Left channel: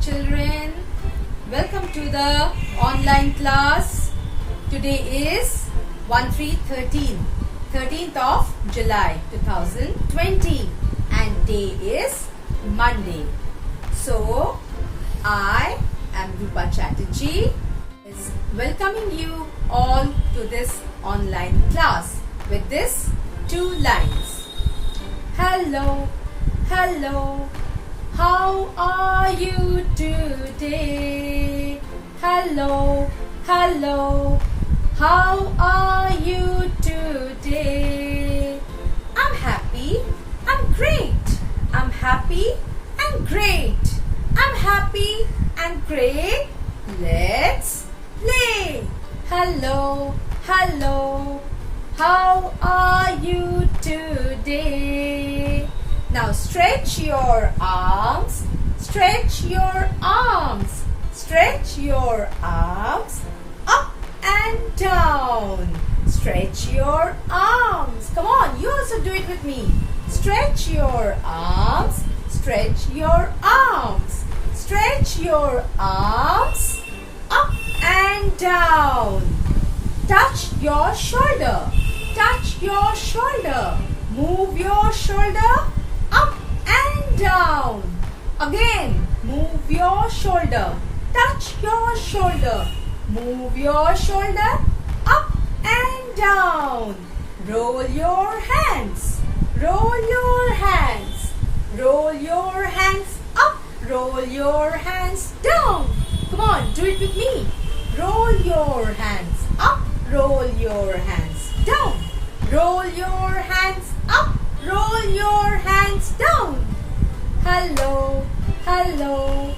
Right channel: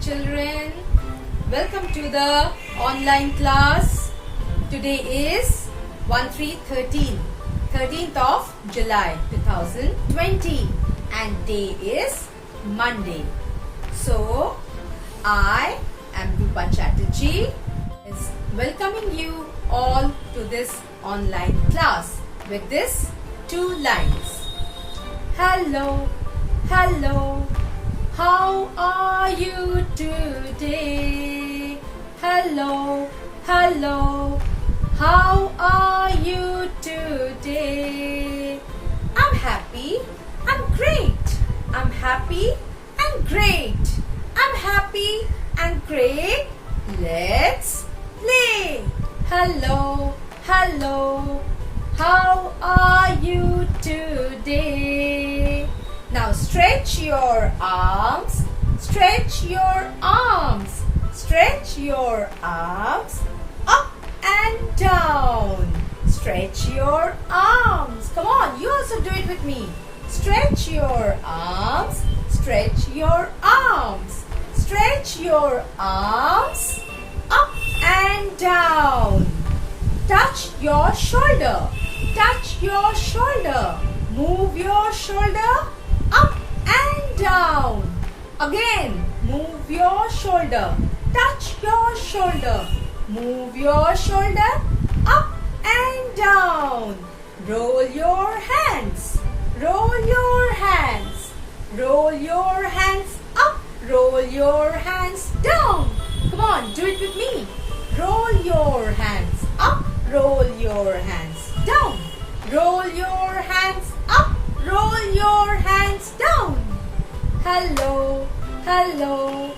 children. Welcome to the online class. Today is 13th of July 2020 and day is Monday. So, I am Rupa Chatterjee is welcoming you all to this online class with this two lines. Hello, hello. How are you today? Hello, hello. How are you today? I'm happy. I'm great. I'm happy and great. I'm happy and great. Let's play. Hello, hello. How are you today? Now stretch your arms, stretch your arms, stretch your arms up and down. Stretch your arms. Come on, you also do it with me. Stretch your arms, stretch your arms, stretch your arms up and down. Touch your shoulder, touch your shoulder. Move your shoulder up and down. Again, move your shoulder. Touch your shoulder. Move your shoulder up and down. Roll your hands. Roll your hands. Roll your hands up. Roll your hands down. Come on, do it with me. Roll your hands up. Roll your hands down. Roll your hands up. Roll your hands down. Hello, hello.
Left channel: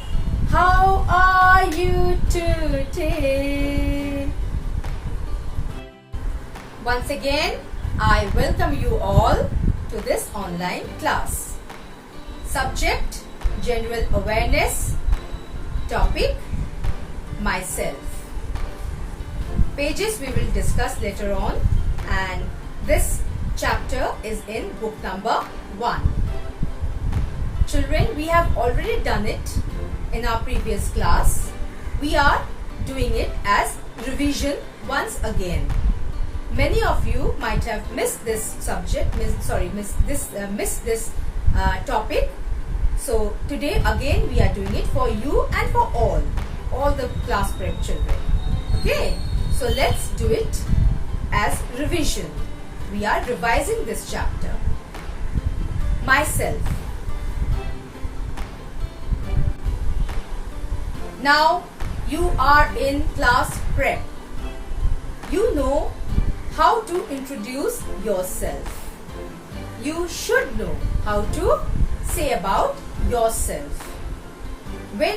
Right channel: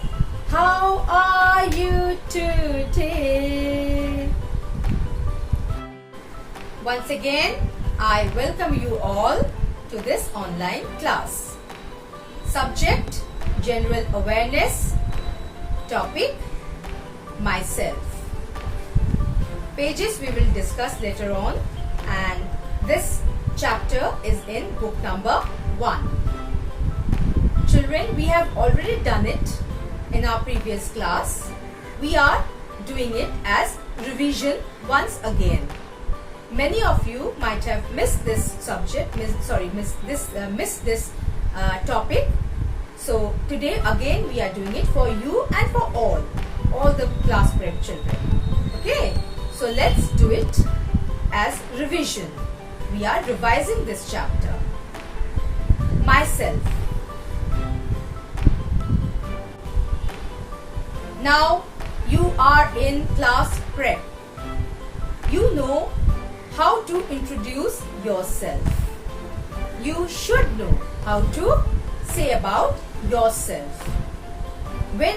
How are you today? Once again, I welcome you all to this online class. Subject, general awareness. Topic, myself. Pages we will discuss later on, and this chapter is in book number 1. Children, we have already done it in our previous class. We are doing it as revision once again. Many of you might have missed this subject, missed this topic. So today again we are doing it for you and for all the class prep children. Okay, so let's do it as revision. We are revising this chapter. Myself. Now you are in class prep. You know how to introduce yourself. You should know how to say about yourself. When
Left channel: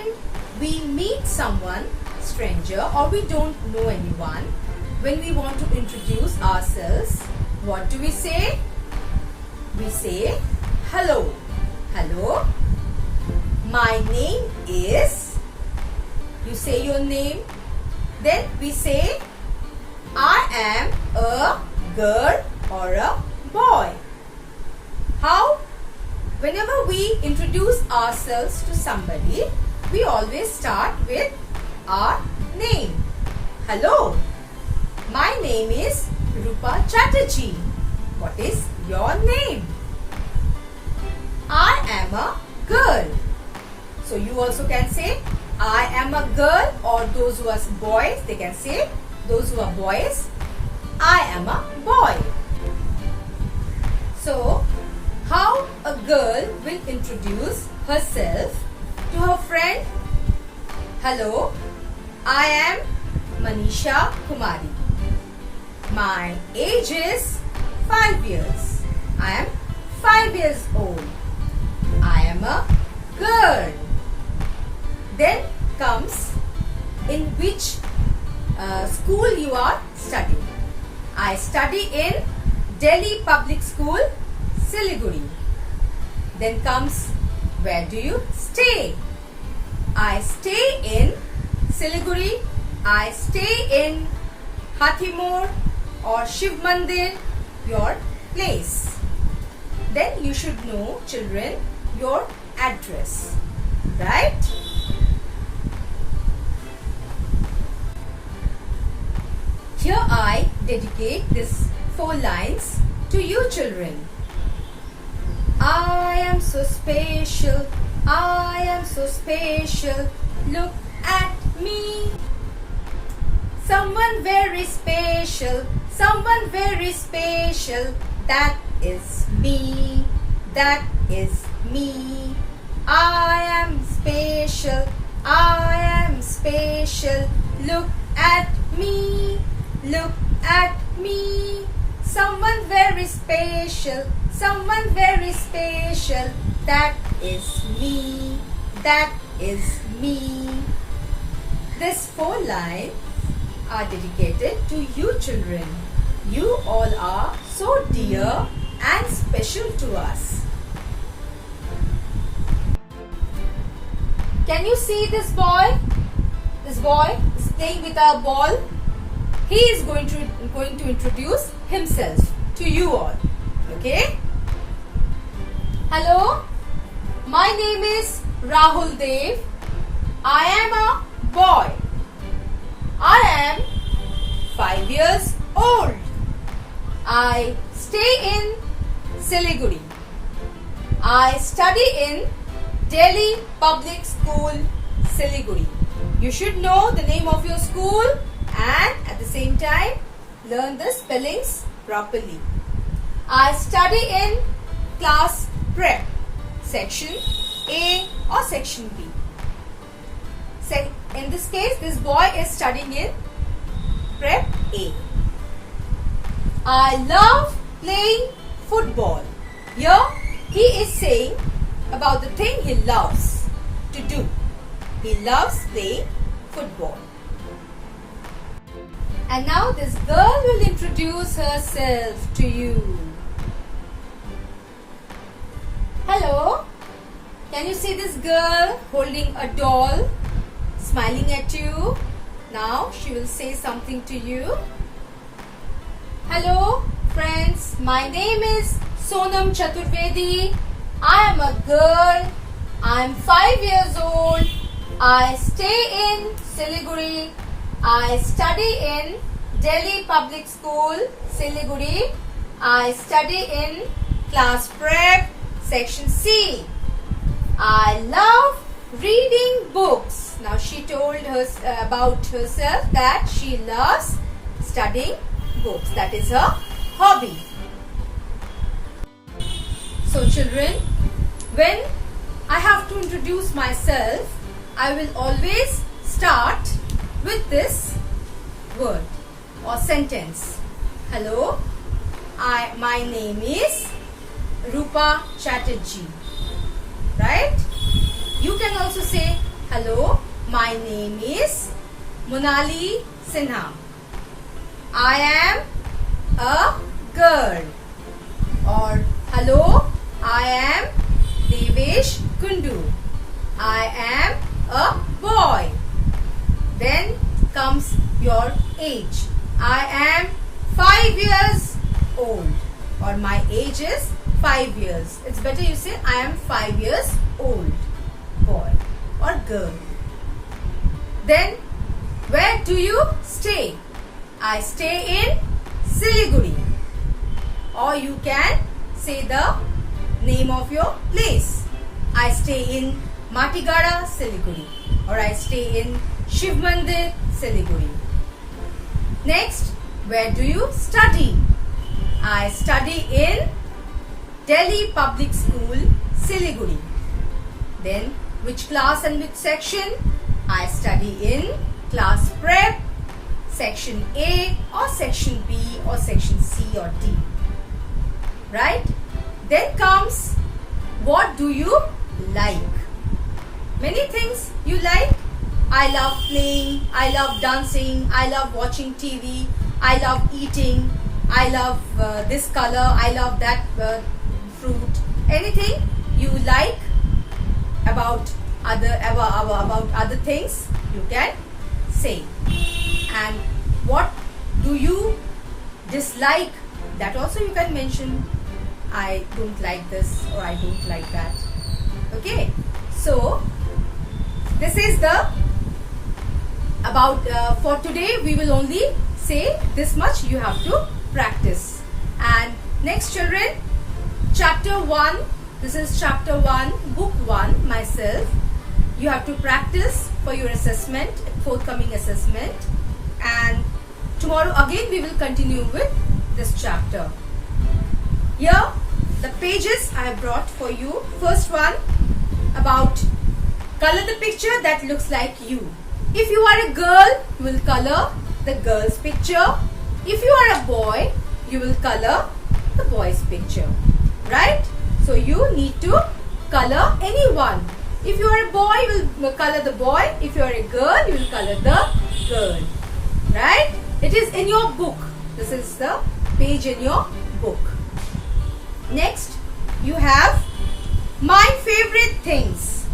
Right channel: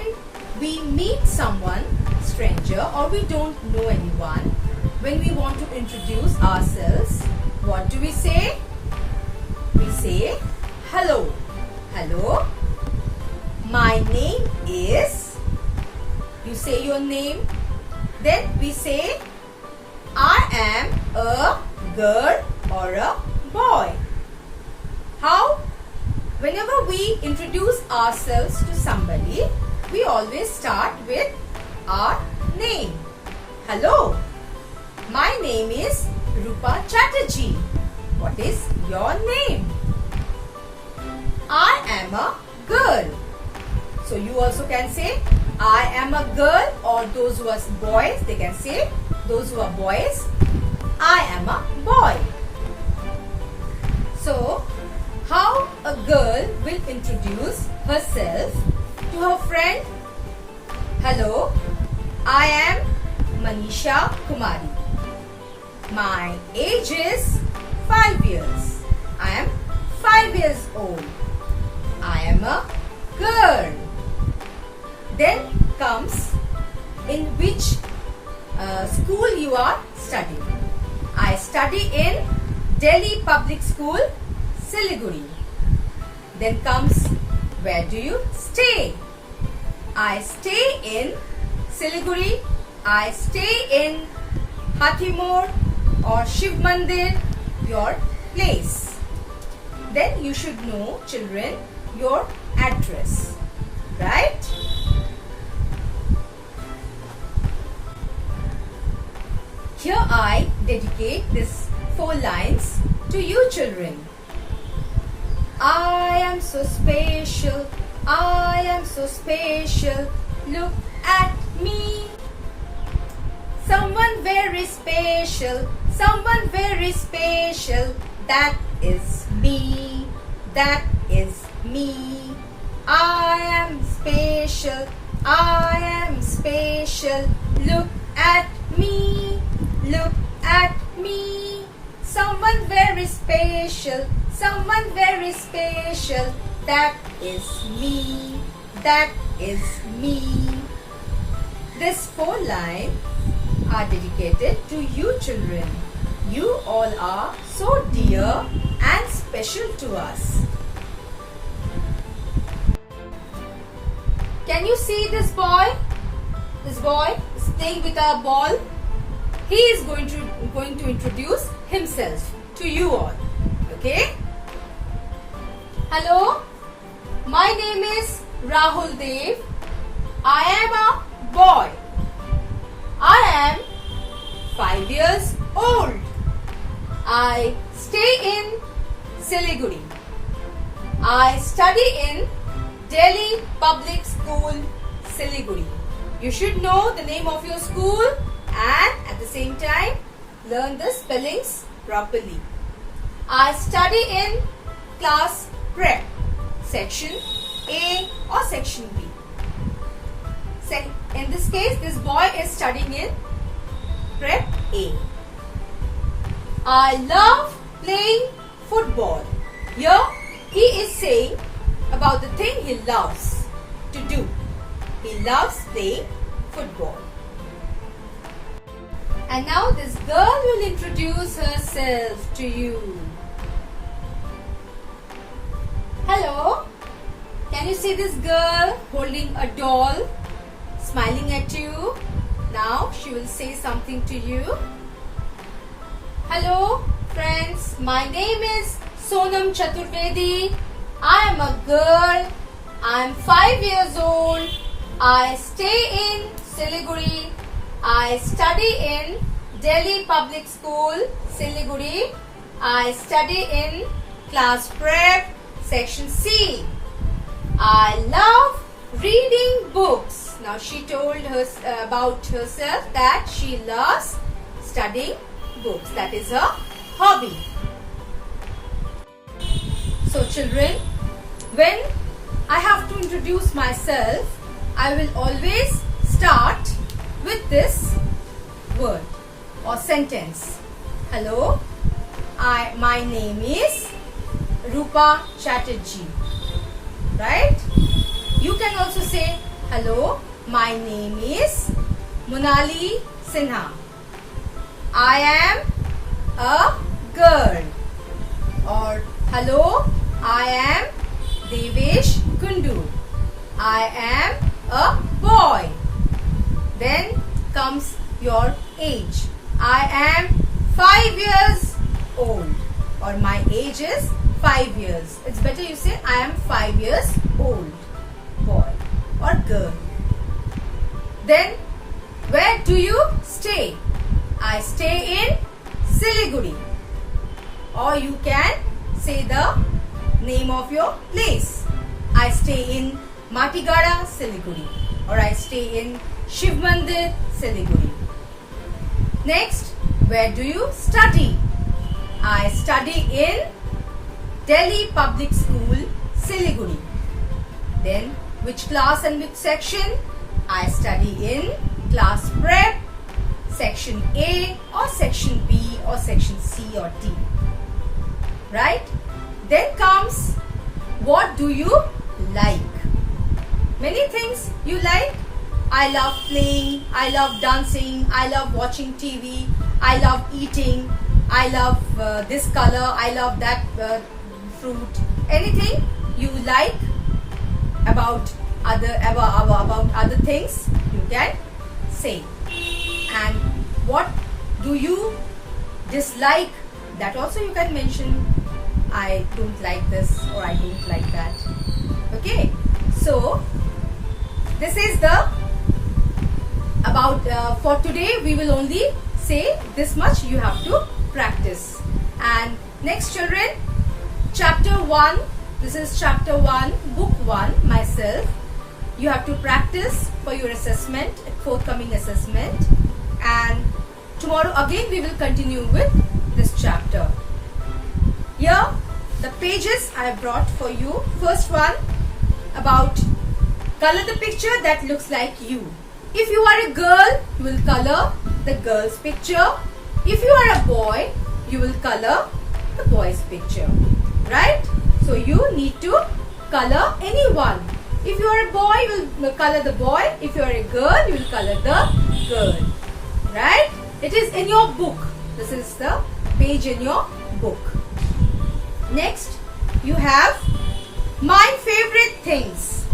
we meet someone, stranger, or we don't know anyone, when we want to introduce ourselves, what do we say? We say, hello. Hello. My name is. You say your name. Then we say, I am a girl or a boy. How? Whenever we introduce ourselves to somebody, we always start with our name. Hello. My name is Rupa Chatterjee. What is your name? I am a girl. So you also can say, I am a girl, or those who are boys, they can say, those who are boys, I am a boy. So, how a girl will introduce herself to her friend? Hello, I am Manisha Kumari. My age is 5 years. I am 5 years old. I am a girl. Then comes in which school you are studying. I study in Delhi Public School, Siliguri. Then comes, where do you stay? I stay in Siliguri. I stay in Hathimor or Shiv Mandir, your place. Then you should know, children, your address, right? here I dedicate this 4 lines to you children. I am so special, I am so special, look at me. Someone very special, someone very special, that is me, that is me. I am special, I am special, look at me, look at me. Someone very special, someone very special, that is me, that is me. These 4 lines are dedicated to you children. You all are so dear and special to us. Can you see this boy? This boy is playing with a ball. He is going to introduce himself to you all. Okay? Hello, my name is Rahul Dev. I am a boy. I am 5 years old. I stay in Siliguri. I study in Delhi Public School, Siliguri. You should know the name of your school and at the same time learn the spellings properly. I study in class prep, section A or section B. In this case, this boy is studying in prep A. I love playing football. Here he is saying about the thing he loves to do. He loves playing football. And now this girl will introduce herself to you. Hello, can you see this girl holding a doll, smiling at you? Now she will say something to you. Hello friends, my name is Sonam Chaturvedi. I am a girl. I am 5 years old. I stay in Siliguri. I study in Delhi Public School, Siliguri. I study in class prep, section C. I love reading books. Now she told us about herself that she loves studying books. That is her hobby. So children, when I have to introduce myself, I will always start with this word or sentence. Hello, my name is Rupa Chatterjee. Right? You can also say, hello, my name is Monali Sinha. I am a girl. Or hello, I am Devesh Kundu. I am a boy. Then comes your age. I am 5 years old. Or my age is 5 years. It's better you say I am 5 years old. Boy or girl. Then where do you stay? I stay in Siliguri. Or you can say the name of your place. I stay in Matigada, Siliguri. Or I stay in Shiv Mandir, Siliguri. Next, where do you study? I study in Delhi Public School, Siliguri. Then, which class and which section? I study in class prep, section A or section B or section C or D. Right? Then comes, what do you like? Many things you like. I love playing, I love dancing, I love watching TV, I love eating, I love this color, I love that fruit. Anything you like about other things, you can say. And what do you dislike? That also you can mention. I don't like this or I don't like that. Okay, so this is the about for today we will only say this much you have to practice. And next children, chapter 1, this is chapter 1, book 1, myself. You have to practice for your assessment, forthcoming assessment. And tomorrow again we will continue with this chapter. Here the pages I have brought for you. First one about color the picture that looks like you. If you are a girl, you will color the girl's picture. If you are a boy, you will color the boy's picture. Right? So you need to color anyone. If you are a boy, you will color the boy. If you are a girl, you will color the girl. Right? It is in your book. This is the page in your book. Next, you have my favorite things.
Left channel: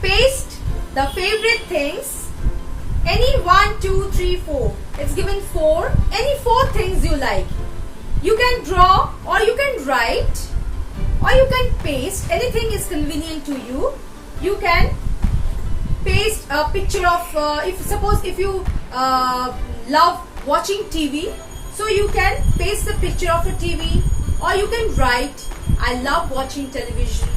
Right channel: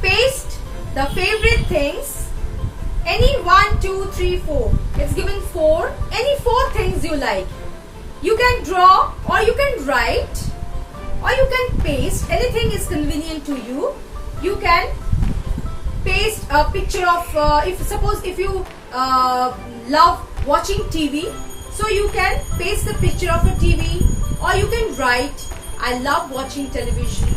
Paste the favorite things. Any 1, 2, 3, 4. It's given 4. Any 4 things you like. You can draw or you can write or you can paste. Anything is convenient to you. You can paste a picture of, if you love watching TV, so you can paste the picture of a TV, or you can write, I love watching television,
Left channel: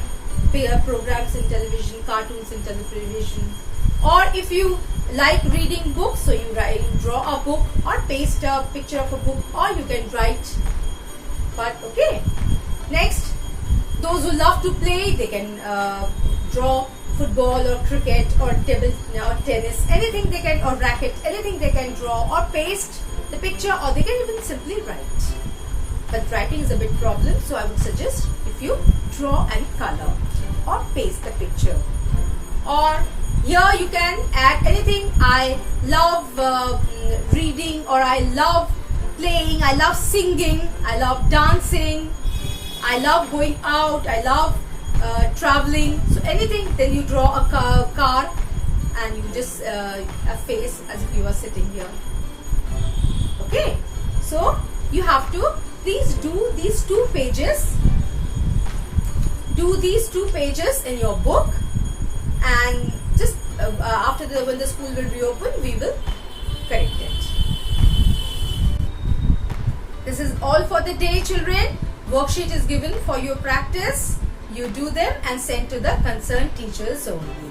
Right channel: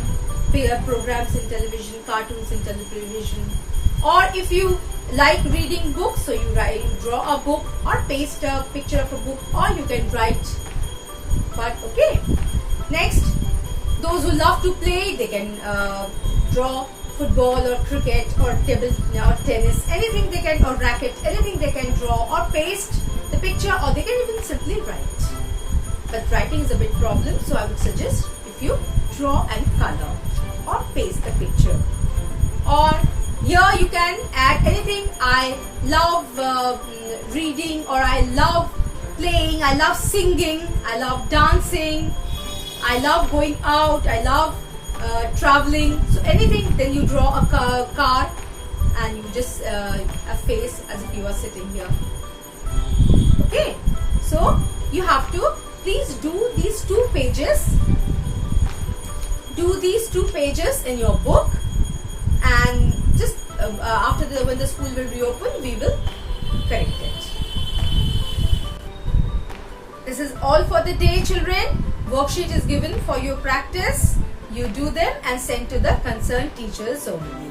programs in television, cartoons in television. Or if you like reading books, so you draw a book or paste a picture of a book, or you can write. But okay. Next, those who love to play, they can draw football or cricket or table or tennis, anything they can, or racket, anything they can draw or paste the picture, or they can even simply write. But writing is a bit problem, so I would suggest if you draw and color or paste the picture. Or here you can add anything. I love reading, or I love playing, I love singing, I love dancing, I love going out, I love traveling. So anything, then you draw a car and you just a face as if you are sitting here. Okay, so you have to please do these 2 pages. Do these 2 pages in your book, and just after when the school will reopen, we will correct it. This is all for the day, children. Worksheet is given for your practice. You do them and send to the concerned teachers only.